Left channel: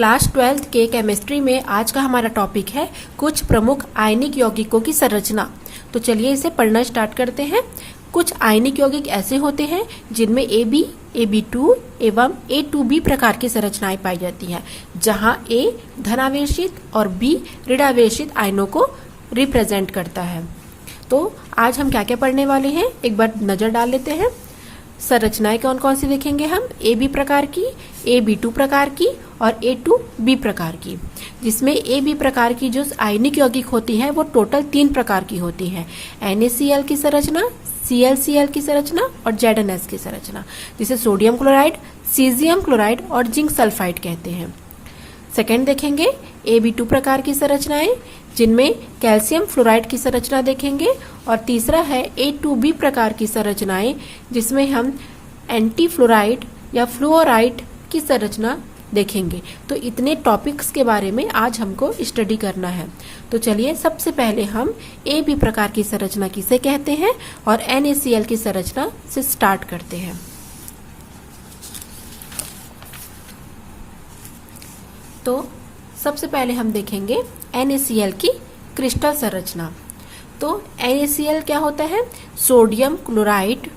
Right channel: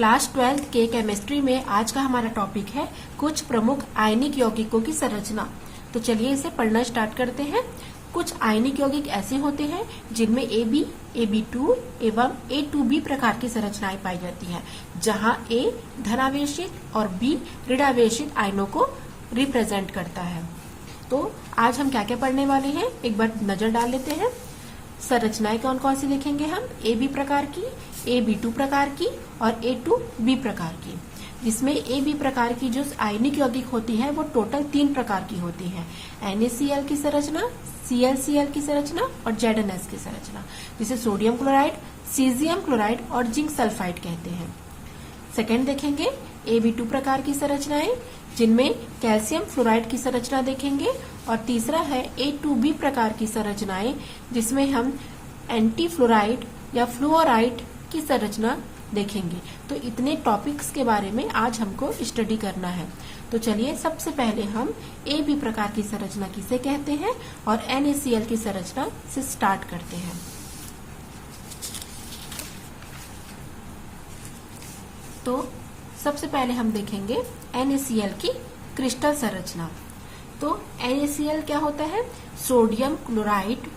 Class 12th के chemistry में आज का हमारा टॉपिक है कुछ प्रमुख आयनिक यौगिकों की संरचना। तो चलिए इसे पढ़ना स्टार्ट करते हैं। कुछ आयनिक यौगिक ऐसे होते हैं जिनमें AB, AB2 एवं A2B प्रकार की संरचनाएं पाई जाती हैं, जहां A धनावेशित और B ऋणावेशित आयनों को रिप्रेजेंट करता है। तो आज हम क्या क्या पढ़ने वाले हैं एक बार नजर डाल लेते हैं। संरचनाएं कौन कौन सी देखेंगे हम, AB प्रकार की, AB2 प्रकार की और A2B प्रकार की, जिसमें AB प्रकार की जो आयनिक यौगिक होती है वो टोटल 3 प्रकार की होती है। NaCl की संरचना, ClCl की संरचना और ZnS की संरचना, जिसे सोडियम क्लोराइड, सीजियम क्लोराइड और जिंक सल्फाइड कहते हैं। सेकेंड देखेंगे AB2 प्रकार की संरचनाएं, जिनमें कैल्शियम फ्लोराइड की संरचना देखेंगे। और तीसरा है A2B प्रकार की संरचनाएं, जिसमें हम एंटी फ्लोराइड या फ्लोराइड की संरचना देखेंगे। तो इतने टॉपिक्स के बारे में आज हमको स्टडी करना है। तो चलिए सबसे पहले हम AB प्रकार की संरचना किसे कहते हैं और NaCl की संरचना से स्टार्ट करते हैं। तो सबसे पहले हम देखेंगे NaCl की क्रिस्टल संरचना। तो NaCl क्या होता है, सोडियम क्लोराइड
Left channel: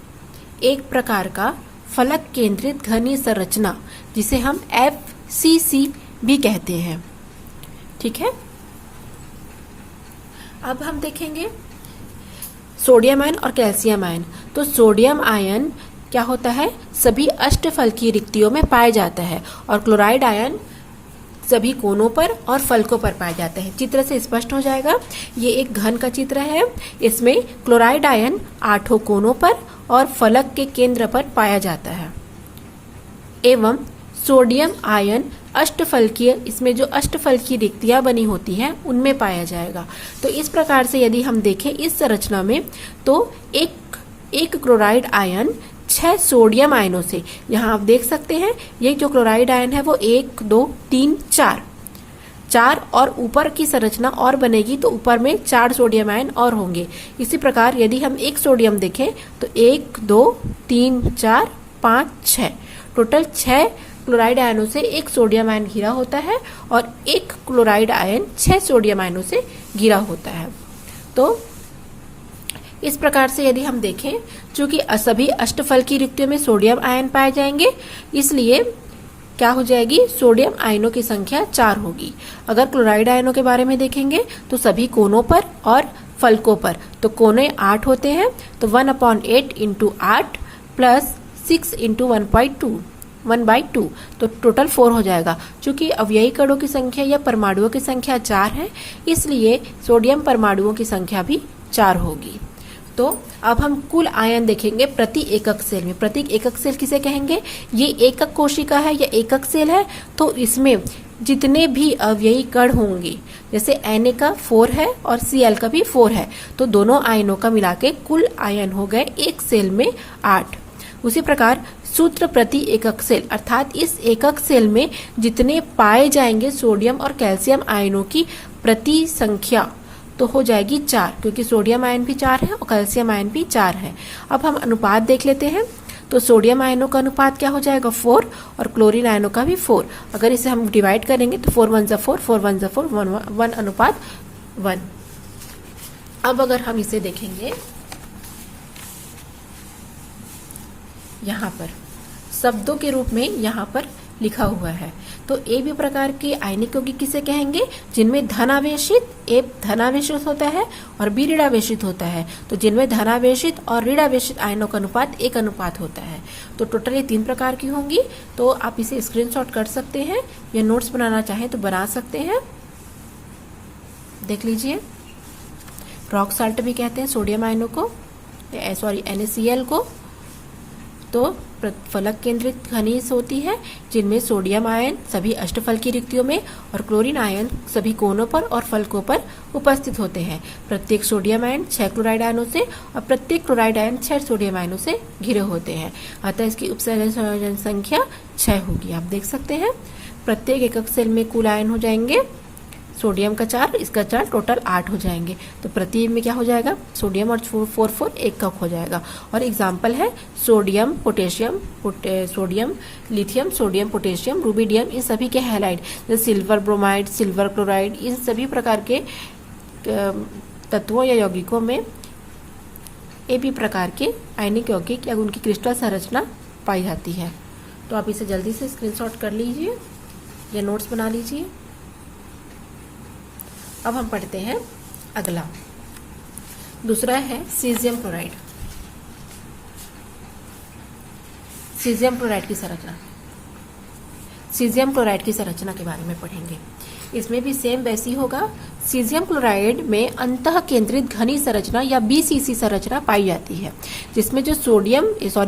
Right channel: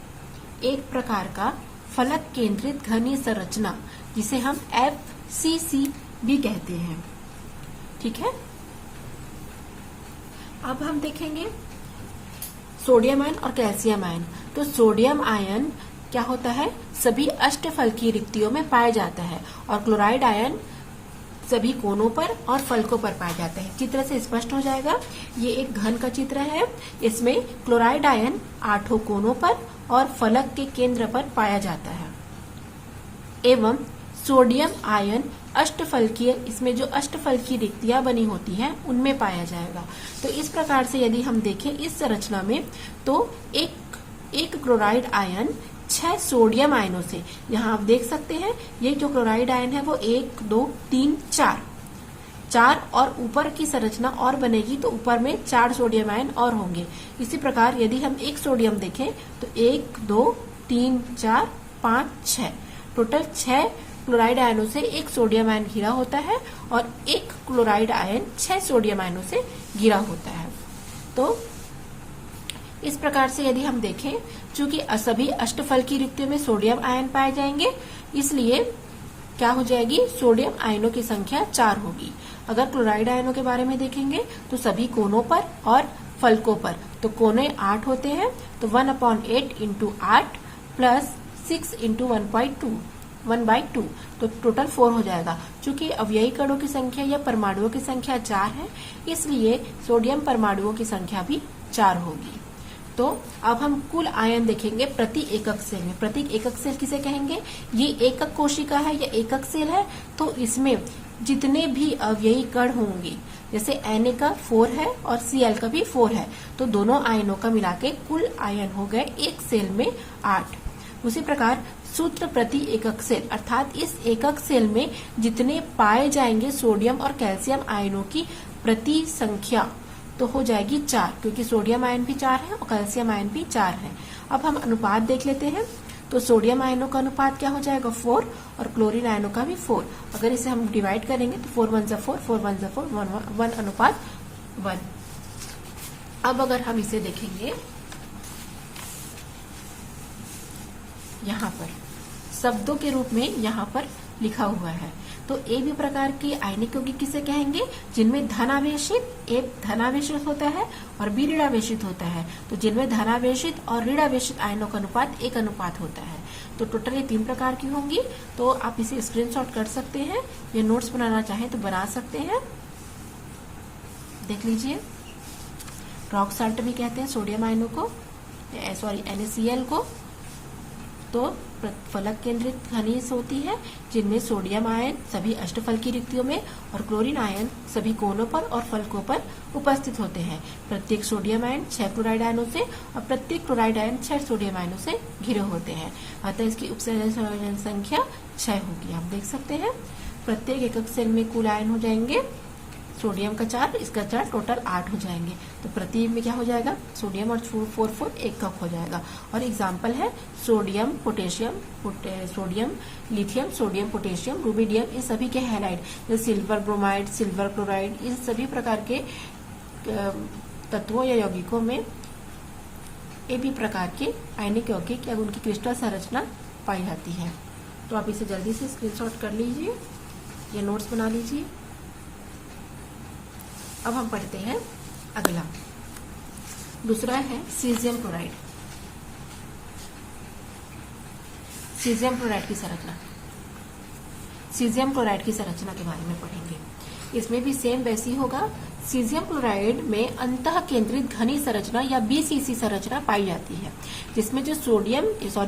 एक प्रकार का फलक केंद्रित घनीय संरचना, जिसे हम FCC भी कहते हैं। ठीक है, अब हम देखेंगे सोडियम आयन और कैल्शियम आयन। तो सोडियम आयन क्या होता है, सभी अष्टफलकीय रिक्तियों में पाया जाता है और क्लोराइड आयन सभी कोनों पर और फलकों पर पाया जाता है। चित्र से स्पष्ट हो जाएगा, ये एक घन का चित्र है। इसमें क्लोराइड आयन 8 कोनों पर और फलक के केंद्र पर पाया जाता है एवं सोडियम आयन अष्टफलकीय, इसमें जो अष्टफलकीय रिक्तियां बनी होती हैं उनमें पाया जाएगा। तो इस प्रकार से यदि हम देखें इस संरचना में, तो एक क्लोराइड आयन 6 सोडियम आयनों से, यहाँ आप देख सकते हैं ये जो क्लोराइड आयन है वो 1, 2, 3, 4 और ऊपर की संरचना और बनेगी तो ऊपर में 4 सोडियम आयन और होंगे। इसी प्रकार यदि हम एक सोडियम देखें तो 1, 2, 3, 4, 5, 6 टोटल 6 क्लोराइड आयनों से एक सोडियम आयन घिरा होता है और एक क्लोराइड आयन 6 सोडियम आयनों से घिरा होता है। तो इस प्रकार से यदि हम देखें, चूंकि सभी अष्टफलकीय रिक्तियों में सोडियम आयन पाए जाएंगे, इसलिए क्या हो जाएगी, सोडियम आयनों की संख्या 4 होगी। अगर क्लोराइड आयनों के बारे में देखेंगे तो सभी कोनों पर और फलकों पर, तो कोने 8 होते हैं, तो 1/8 इंटू 8 प्लस 6 इंटू 1/2, तो टोटल 4 हो जाएगा। चूंकि अवयवी कणों की संख्या या परमाणुओं की संख्या 4 है, इसलिए सोडियम परमाणुओं की संख्या भी 4 होगी। तो अब हम कुल आयन देखेंगे प्रति एकक सेल में। प्रति एकक सेल किसे कहेंगे, ये एकक कोशिका है या एकक सेल है, तो इसमें जितने भी अवयवी कण होंगे, जैसे Na का 4 है और Cl का भी 4 है, तो दोनों आयनों का मिलाके कुल आयन हो गए एक सेल में 8। उसी प्रकार सूत्र प्रति एकक सेल, अर्थात इस एकक सेल में जितने पाए जाएंगे सोडियम और कैल्शियम आयनों की प्रति संख्या, तो हो जाएगी 4, क्योंकि सोडियम आयन भी 4 है और कैल्शियम आयन भी 4 है। अब हम अनुपात देख लेते हैं। तो सोडियम आयनों का अनुपात क्या हो जाएगा, 4, और क्लोरीन आयनों का भी 4। अगर इसे हम डिवाइड करेंगे तो 4 1 4, 4 1 4, 1:1। अब अगर हम इसे देखेंगे यहाँ पर शब्दों के रूप में यहाँ पर लिखा हुआ है, तो AB प्रकार के आयनिक यौगिक किसे कहेंगे, जिनमें धनावेशित, A धनावेशित होता है और B ऋणावेशित होता है। तो जिनमें धनावेशित और ऋणावेशित आयनों का अनुपात 1 होता है। तो टोटल ये 3 प्रकार की होंगी। तो आप इसे स्क्रीनशॉट कर सकते हैं या नोट्स बनाना चाहें तो बना सकते हैं। देख लीजिए, रॉक साल्ट भी कहते हैं सोडियम आयनों को, NaCl को। तो फलक केंद्रित खनिज होती है, जिनमें सोडियम आयन सभी अष्टफलकीय रिक्तियों में और क्लोरीन आयन सभी कोनों पर और फलकों पर उपस्थित होते हैं। प्रत्येक सोडियम आयन 6 क्लोराइड आयनों से और प्रत्येक क्लोराइड आयन 6 सोडियम आयनों से घिरे होते हैं। अतः इसकी उपसंयोजन संख्या 6 होगी। आप देख सकते हैं प्रत्येक एकक सेल में कुल आयन हो जाएंगे सोडियम का 4, इसका 4, टोटल 8 हो जाएंगे। तो प्रति में क्या हो जाएगा, सोडियम और 4 1 कप हो जाएगा। और एग्जाम्पल है sodium, potassium, sodium, lithium, sodium, potassium, rubidium, इन सभी के हैलाइड जैसे सिल्वर ब्रोमाइड, सिल्वर क्लोराइड, इन सभी प्रकार के तत्वों या यौगिकों में ए बी प्रकार के आयनिक यौगिक या उनकी क्रिस्टल संरचना पाई जाती है। तो आप इसे जल्दी से स्क्रीनशॉट कर लीजिए या नोट्स बना लीजिए। अब हम पढ़ते हैं अगला, दूसरा है सीजियम क्लोराइड। सीजियम क्लोराइड की संरचना, सीजियम क्लोराइड की संरचना के बारे में पढ़ेंगे। इसमें भी सेम वैसी होगा। सीजियम क्लोराइड में अंतः केंद्रित घनी संरचना या बीसीसी संरचना पाई जाती है, जिसमें जो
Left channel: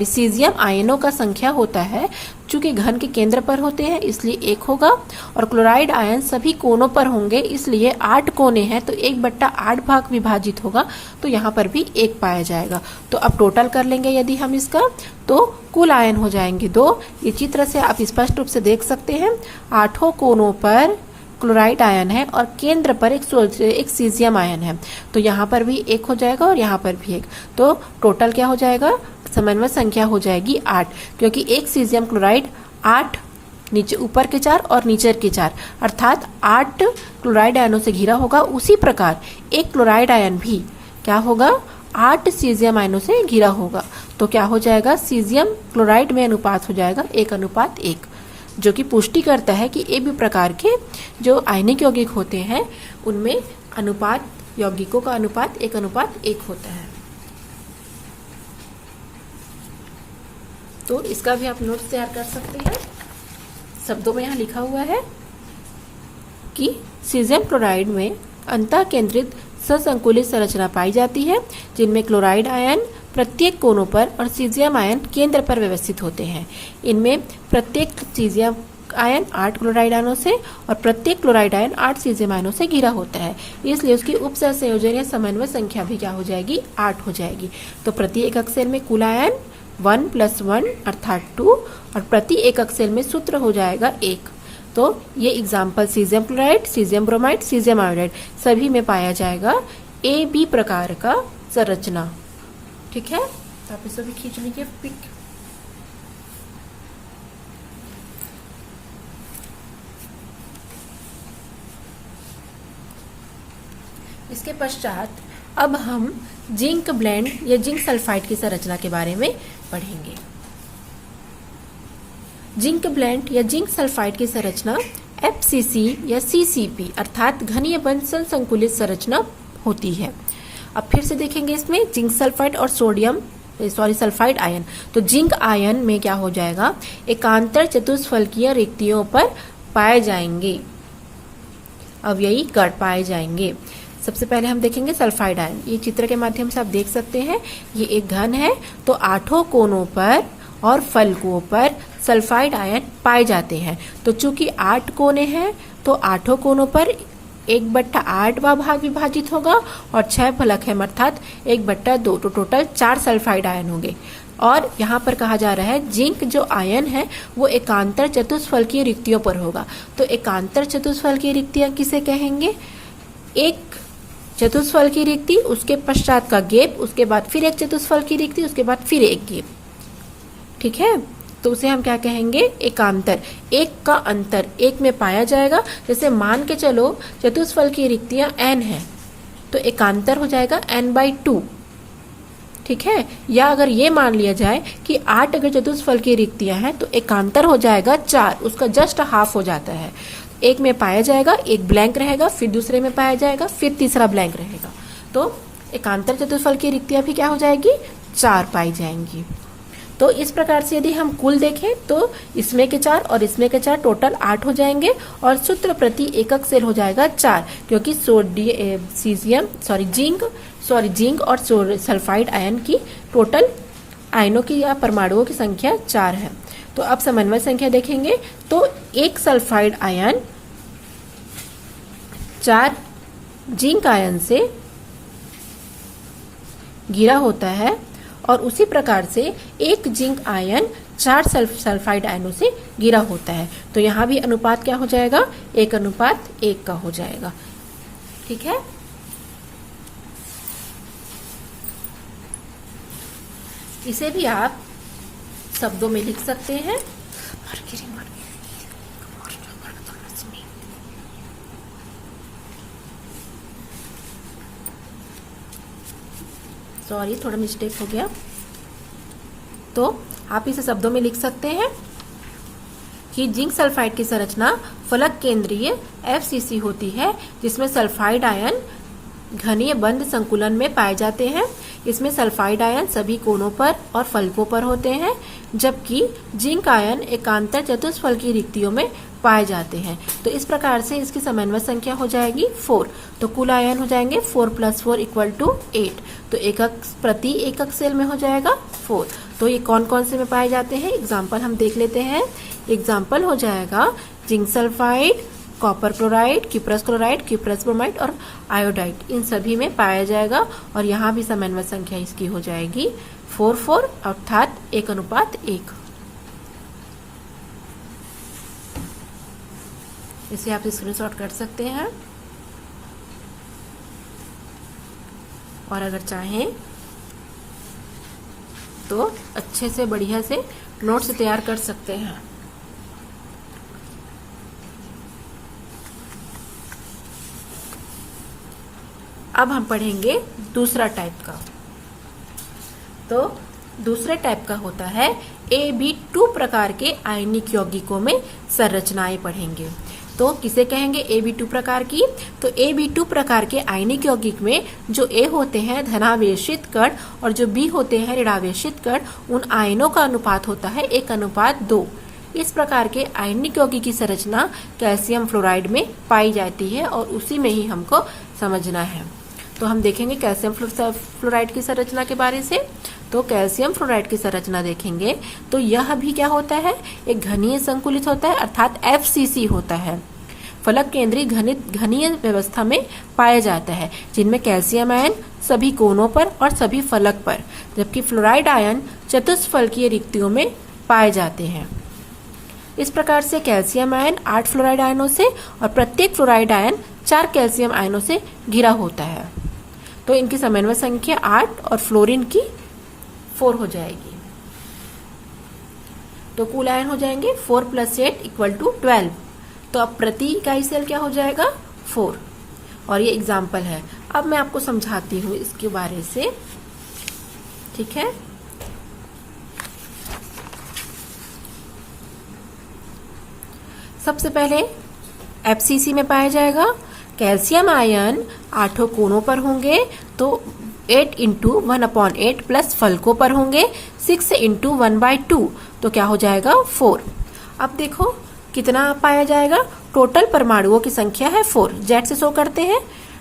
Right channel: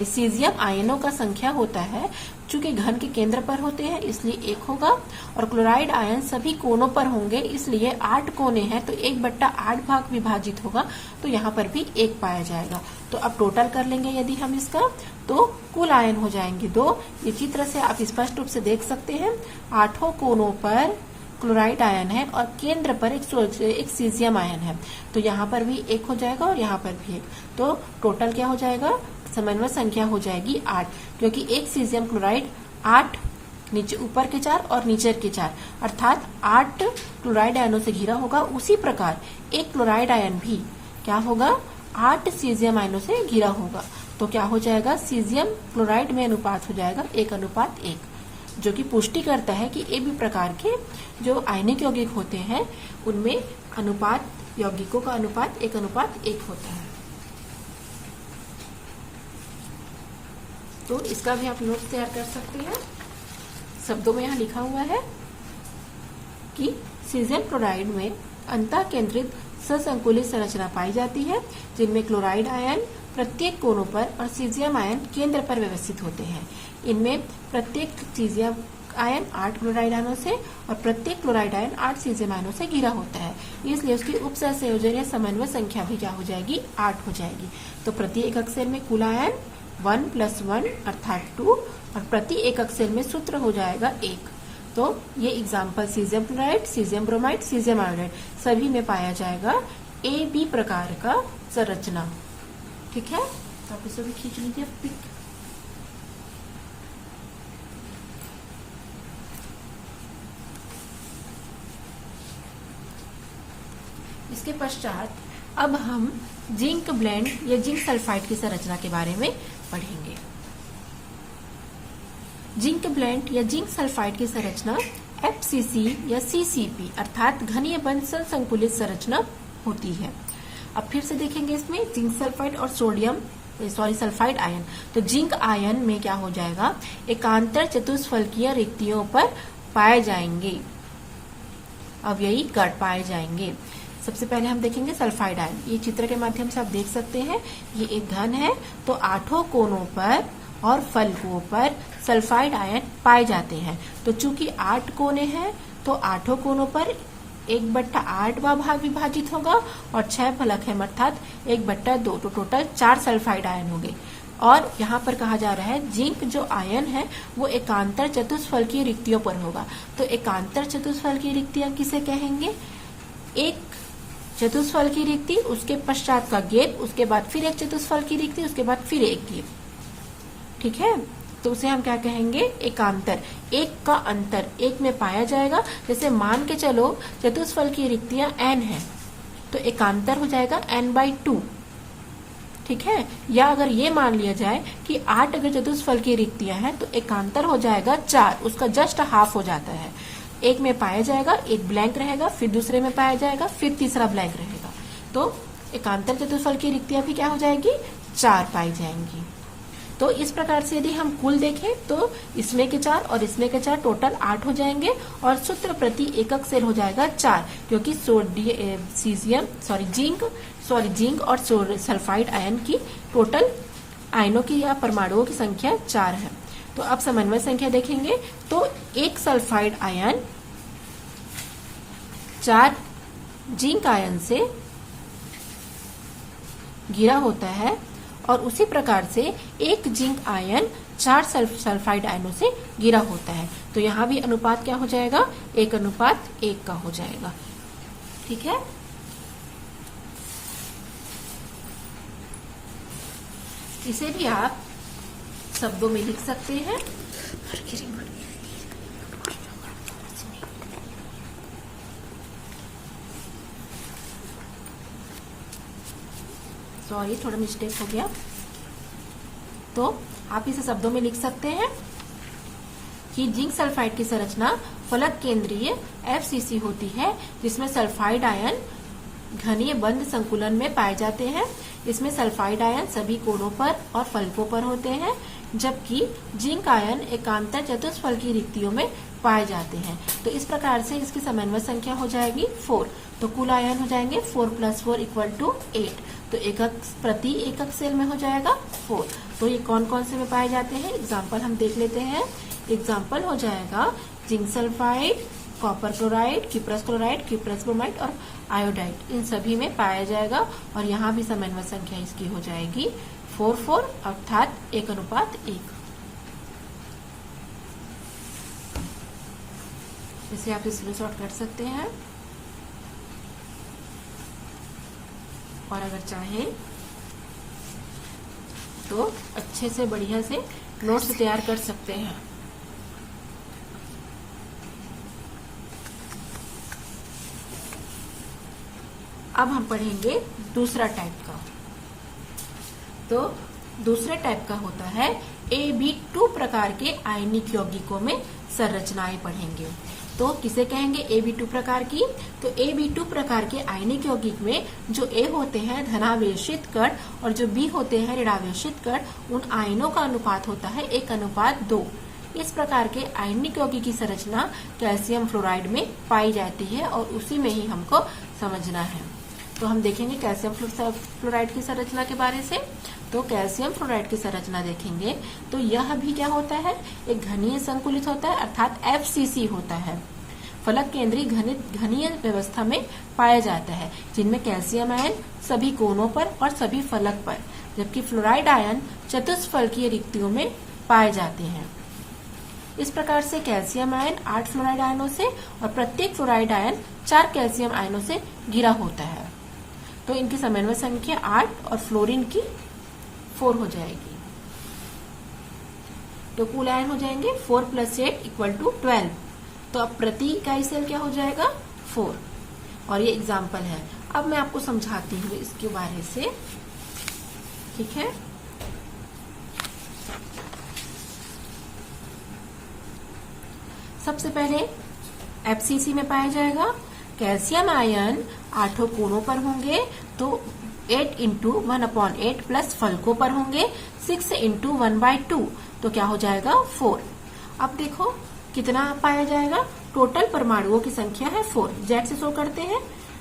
सीजियम आयनों का संख्या होता है, चूंकि घन के केंद्र पर होते हैं इसलिए 1 होगा, और क्लोराइड आयन सभी कोनों पर होंगे इसलिए 8 कोने हैं तो 1/8 भाग विभाजित होगा, तो यहाँ पर भी 1 पाया जाएगा। तो अब टोटल कर लेंगे यदि हम इसका, तो कुल आयन हो जाएंगे 2। ये चित्र से आप स्पष्ट रूप से देख सकते हैं, 8 कोनों पर क्लोराइड आयन है और केंद्र पर एक सीजियम आयन है, तो यहाँ पर भी 1 हो जाएगा और यहाँ पर भी 1। तो टोटल क्या हो जाएगा, समन्वय संख्या हो जाएगी 8, क्योंकि एक सीजियम क्लोराइड 8, नीचे ऊपर के 4 और नीचे के 4, अर्थात 8 क्लोराइड आयनों से घिरा होगा। उसी प्रकार एक क्लोराइड आयन भी क्या होगा, 8 सीजियम आयनों से घिरा होगा। तो क्या हो जाएगा, सीजियम क्लोराइड में अनुपात हो जाएगा 1:1, जो कि पुष्टि करता है कि ए बी प्रकार के जो आयनिक यौगिक होते हैं उनमें अनुपात, यौगिकों का अनुपात 1:1 होता है। तो इसका भी आप नोट्स तैयार कर सकते हैं। शब्दों में यहाँ लिखा हुआ है कि सीजियम क्लोराइड में अंतः केंद्रित ससंकुलित संरचना पाई जाती है, जिनमें क्लोराइड आयन प्रत्येक कोनों पर और सीजियम आयन केंद्र पर व्यवस्थित होते हैं। इनमें प्रत्येक सीजियम आयन 8 क्लोराइड आयनों से और प्रत्येक क्लोराइड आयन 8 सीजियम आयनों से घिरा होता है, इसलिए उसकी उपसर संयोजन या समन्वय संख्या भी क्या हो जाएगी, 8 हो जाएगी। तो प्रति एकक सेल में कुल आयन 1 + 1 अर्थात 2, और प्रति एकक सेल में सूत्र हो जाएगा 1। तो ये example caesium chloride, caesium bromide, caesium iodide सभी में पाया जाएगा ए बी प्रकार का संरचना। ठीक है, तो आप इसे भी खींच लीजिए पिक। इसके पश्चात अब हम जिंक ब्लेंड या जिंक सल्फाइड की संरचना के बारे में पढ़ेंगे। जिंक ब्लेंड या जिंक सल्फाइड की संरचना FCC या CCP अर्थात घनीय बंध संकुलित संरचना होती है। अब फिर से देखेंगे इसमें जिंक सल्फाइड और सल्फाइड आयन। तो जिंक आयन में क्या हो जाएगा, एकांतर चतुष्फलकीय रिक्तियों पर पाए जाएंगे, अवयवी कण पाए जाएंगे। सबसे पहले हम देखेंगे सल्फाइड आयन। ये चित्र के माध्यम से आप देख सकते हैं, ये एक घन है, तो 8 कोनों पर और फलकों पर सल्फाइड आयन पाए जाते हैं। तो चूंकि 8 कोने हैं तो 8 कोनों पर 1/8 भाग विभाजित होगा और 6 फलक है अर्थात 1/2, तो टोटल 4 सल्फाइड आयन होंगे। और यहाँ पर कहा जा रहा है जिंक जो आयन है वो एकांतर चतुष्फलकीय रिक्तियों पर होगा। तो एकांतर चतुष्फलकीय रिक्तियां किसे कहेंगे, एक चतुष्फलकीय रिक्ति, उसके पश्चात का गैप, उसके बाद फिर एक चतुष्फलकीय रिक्ति, उसके बाद फिर एक गैप। ठीक है, तो उसे हम क्या कहेंगे, एकांतर। एक का अंतर एक में पाया जाएगा। जैसे मान के चलो चतुष्फलकीय रिक्तियां n है तो एकांतर हो जाएगा n/2। ठीक है, या अगर ये मान लिया जाए कि 8 अगर चतुष्फलकीय रिक्तियां हैं तो एकांतर हो जाएगा 4, उसका जस्ट हाफ हो जाता है। एक में पाया जाएगा, एक ब्लैंक रहेगा, फिर दूसरे में पाया जाएगा, फिर तीसरा ब्लैंक रहेगा। तो एकांतर चतुष्फलकीय रिक्तियां भी क्या हो जाएगी, 4 पाई जाएंगी। तो इस प्रकार से यदि हम कुल देखें तो इसमें के 4 और इसमें के 4 टोटल 8 हो जाएंगे और सूत्र प्रति एकक सेल हो जाएगा 4, क्योंकि जिंक और सल्फाइड आयन की टोटल आयनों की या परमाणुओं की संख्या 4 है। तो अब समन्वय संख्या देखेंगे तो एक सल्फाइड आयन 4 जिंक आयन से घिरा होता है और उसी प्रकार से एक जिंक आयन 4 सल्फाइड आयनों से घिरा होता है। तो यहाँ भी अनुपात क्या हो जाएगा, 1:1 का हो जाएगा। ठीक है, इसे भी आप शब्दों में लिख सकते हैं। सॉरी, थोड़ा मिस्टेक हो गया। तो आप इसे शब्दों में लिख सकते हैं कि जिंक सल्फाइड की संरचना फलक केंद्रीय FCC होती है, जिसमें सल्फाइड आयन घनीय बंद संकुलन में पाए जाते हैं। इसमें सल्फाइड आयन सभी कोनों पर और फलकों पर होते हैं, जबकि जिंक आयन एकांतर चतुष्फलकीय रिक्तियों में पाए जाते हैं। तो इस प्रकार से इसकी समन्वय संख्या हो जाएगी 4। तो कुल आयन हो जाएंगे 4 + 4 = 8। तो एकक प्रति एकक सेल में हो जाएगा 4। तो ये कौन कौन से में पाए जाते हैं, एग्जाम्पल हम देख लेते हैं। एग्जाम्पल हो जाएगा zinc sulphide, copper chloride, cuprous chloride, cuprous bromide और आयोडाइड, इन सभी में पाया जाएगा। और यहाँ भी समन्वय संख्या इसकी हो जाएगी 4 अर्थात 1:1। इसे आप स्क्रीनशॉट कर सकते हैं और अगर चाहें तो अच्छे से बढ़िया से नोट्स तैयार कर सकते हैं। अब हम पढ़ेंगे दूसरा टाइप का। तो दूसरे टाइप का होता है AB2 प्रकार के आयनिक यौगिकों में संरचनाएं पढ़ेंगे। तो किसे कहेंगे AB2 प्रकार की, तो AB2 प्रकार के आयनिक यौगिक में जो A होते हैं धनावेशित कण और जो B होते हैं ऋणावेशित कण, उन आयनों का अनुपात होता है 1:2। इस प्रकार के आयनिक यौगिक की संरचना कैल्शियम फ्लोराइड में पाई जाती है और उसी में ही हमको समझना है। तो हम देखेंगे कैल्शियम फ्लोराइड की संरचना के बारे से। तो कैल्शियम फ्लोराइड की संरचना देखेंगे तो यह भी क्या होता है, एक घनीय संकुलित होता है अर्थात FCC होता है। फलक केंद्रीय घनीय व्यवस्था में पाया जाता है, जिनमें कैल्शियम आयन सभी कोनों पर और सभी फलक पर, जबकि फ्लोराइड आयन चतुष्फलकीय रिक्तियों में पाए जाते हैं। इस प्रकार से कैल्शियम आयन 8 फ्लोराइड आयनों से और प्रत्येक फ्लोराइड आयन 4 कैल्शियम आयनों से घिरा होता है। तो इनकी समन्वय संख्या 8 और फ्लोरीन की 4 हो जाएगी। तो कुल आयन हो जाएंगे 4 + 8 = 12। तो अब प्रति इकाई सेल क्या हो जाएगा 4। और ये एग्जाम्पल है। अब मैं आपको समझाती हूँ इसके बारे से, ठीक है। सबसे पहले FCC में पाया जाएगा। कैल्शियम आयन 8 कोनों पर होंगे, तो 8 × 1/8 प्लस फलकों पर होंगे 6 × 1/2। तो क्या हो जाएगा 4। अब देखो कितना पाया जाएगा, टोटल परमाणुओं की संख्या है 4। जेड से शो करते हैं।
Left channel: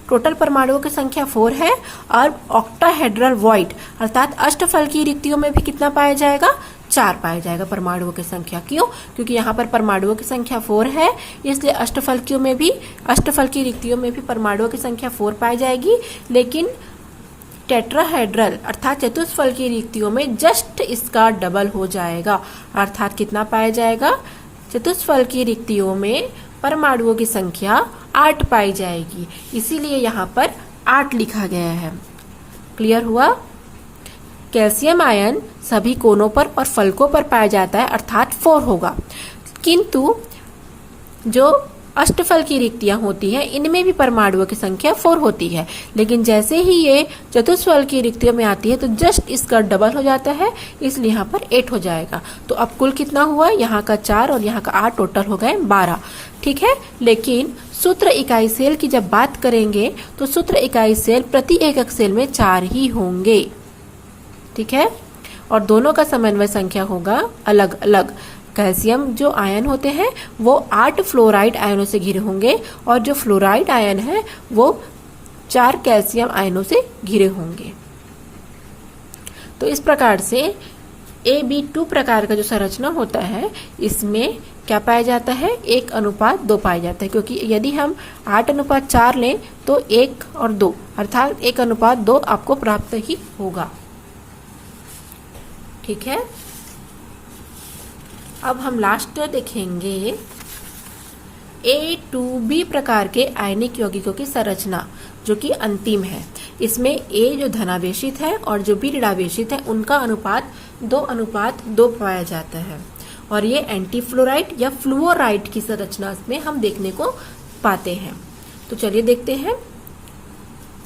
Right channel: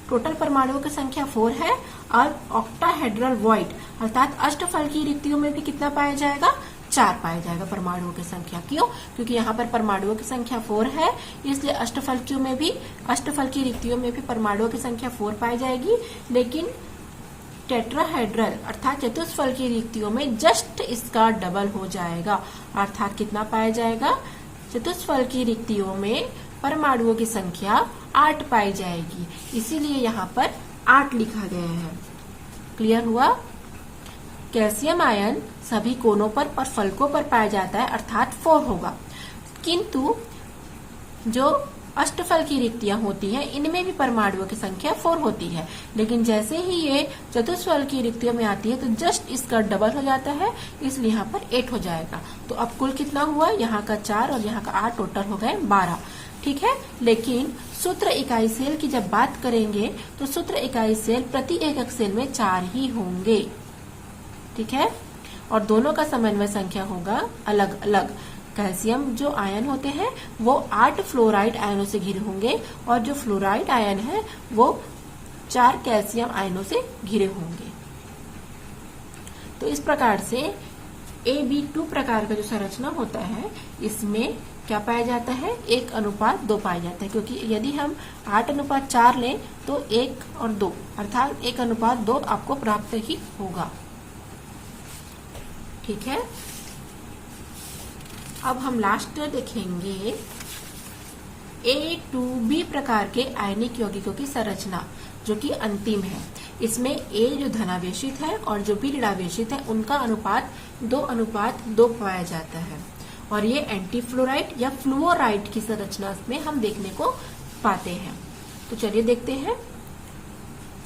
टोटल परमाणुओं की संख्या 4 है और ऑक्टाहेड्रल वॉइड अर्थात अष्टफलकीय रिक्तियों में भी कितना पाया जाएगा, 4 पाया जाएगा परमाणुओं की संख्या। क्यों, क्योंकि यहाँ पर परमाणुओं की संख्या 4 है, इसलिए अष्टफलकीय रिक्तियों में भी परमाणुओं की संख्या 4 पाई जाएगी। लेकिन टेट्राहेड्रल अर्थात चतुष्फलकीय रिक्तियों में जस्ट इसका डबल हो जाएगा, अर्थात कितना पाया जाएगा, चतुष्फलकीय रिक्तियों में परमाणुओं की संख्या 8 पाई जाएगी। इसीलिए यहाँ पर 8 लिखा गया है। क्लियर हुआ। कैल्शियम आयन सभी कोनों पर और फलकों पर पाया जाता है अर्थात 4 होगा। किंतु जो अष्टफल की रिक्तियां होती हैं इनमें भी परमाणुओं की संख्या 4 होती है, लेकिन जैसे ही ये चतुष्फल की रिक्तियों में आती है तो जस्ट इसका डबल हो जाता है, इसलिए यहाँ पर 8 हो जाएगा। तो अब कुल कितना हुआ, यहाँ का 4 और यहाँ का 8, टोटल हो गए 12। ठीक है, लेकिन सूत्र इकाई सेल की जब बात करेंगे तो सूत्र इकाई सेल प्रति एकक सेल में 4 ही होंगे। ठीक है, और दोनों का समन्वय संख्या होगा अलग अलग। कैल्शियम जो आयन होते हैं वो 8 फ्लोराइड आयनों से घिरे होंगे और जो फ्लोराइड आयन है वो 4 कैल्शियम आयनों से घिरे होंगे। तो इस प्रकार से AB2 प्रकार का जो संरचना होता है इसमें क्या पाया जाता है, 1:2 पाया जाता है, क्योंकि यदि हम 8:4 लें तो 1 और 2 अर्थात 1:2 आपको प्राप्त ही होगा। ठीक है, अब हम लास्ट देखेंगे A2B प्रकार के आयनिक यौगिकों की संरचना, जो कि अंतिम है। इसमें A जो धनावेशित है और जो B ऋणावेशित है, उनका अनुपात 2:2 पाया जाता है। और ये एंटीफ्लोराइड या फ्लूओराइड की संरचना में हम देखने को पाते हैं। तो चलिए देखते हैं।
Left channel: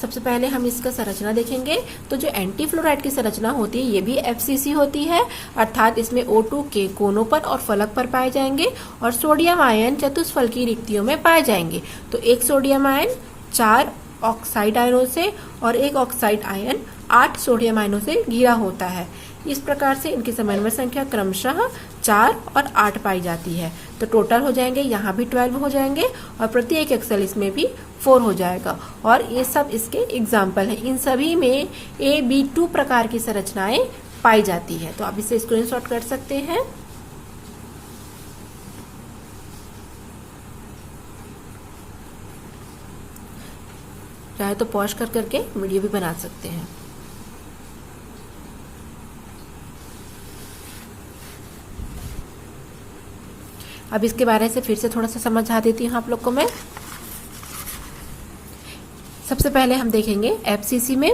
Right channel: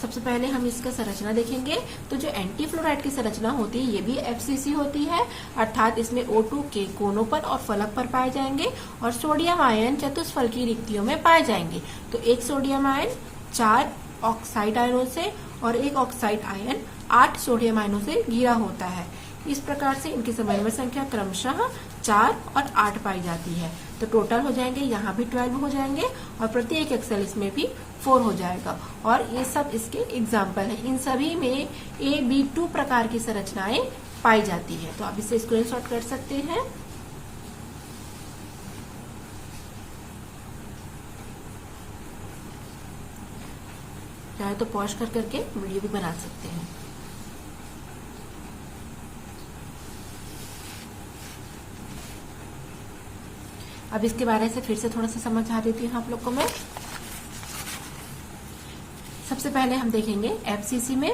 सबसे पहले हम इसका संरचना देखेंगे। तो जो एंटीफ्लोराइड की संरचना होती है, ये भी FCC होती है, अर्थात इसमें O2 के कोनों पर और फलक पर पाए जाएंगे और सोडियम आयन चतुष्फलकी रिक्तियों में पाए जाएंगे। तो एक सोडियम आयन 4 ऑक्साइड आयनों से और एक ऑक्साइड आयन 8 सोडियम आयनों से घिरा होता है। इस प्रकार से इनकी समन्वय संख्या क्रमशः 4 और 8 पाई जाती है। तो टोटल हो जाएंगे, यहाँ भी 12 हो जाएंगे और प्रत्येक एक्सेल इसमें भी 4 हो जाएगा। और ये सब इसके एग्जाम्पल हैं। इन सभी में AB2 प्रकार की संरचनाएं पाई जाती है। तो आप इसे स्क्रीनशॉट कर सकते हैं। चाहे तो पॉज कर करके वीडियो भी बना सकते हैं। अब इसके बारे से फिर से थोड़ा सा समझा देती हूँ आप लोग को मैं। सबसे पहले हम देखेंगे FCC में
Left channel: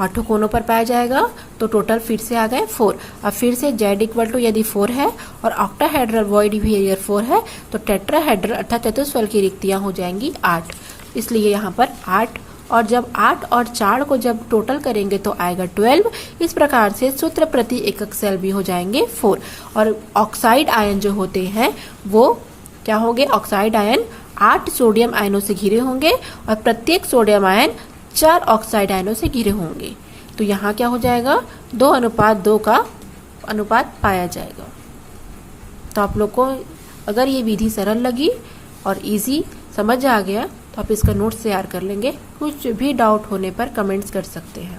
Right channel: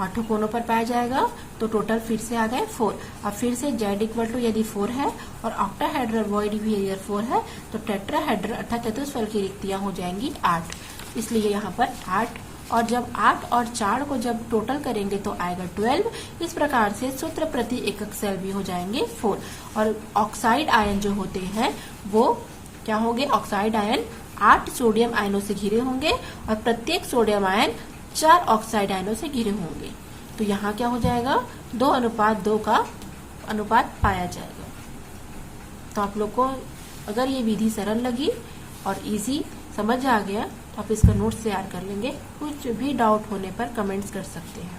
8 कोनों पर पाया जाएगा। तो टोटल फिर से आ गए 4। अब फिर से Z यदि 4 है और ऑक्टाहेड्रल वॉइड बिहेवियर 4 है, तो टेट्राहेड्रल अर्थात चतुष्फल की रिक्तियां हो जाएंगी 8। इसलिए यहाँ पर 8, और जब 8 और 4 को जब टोटल करेंगे तो आएगा 12। इस प्रकार से सूत्र प्रति एकक सेल भी हो जाएंगे 4। और ऑक्साइड आयन जो होते हैं वो क्या होंगे? ऑक्साइड आयन 8 सोडियम आयनों से घिरे होंगे और प्रत्येक सोडियम आयन 4 ऑक्साइड आयनों से घिरे होंगे। तो यहाँ क्या हो जाएगा? 2:2 का अनुपात पाया जाएगा। तो आप लोग को अगर ये विधि सरल लगी और इजी समझ आ गया तो आप इसका नोट्स तैयार कर लेंगे। कुछ भी डाउट होने पर कमेंट्स कर सकते हैं।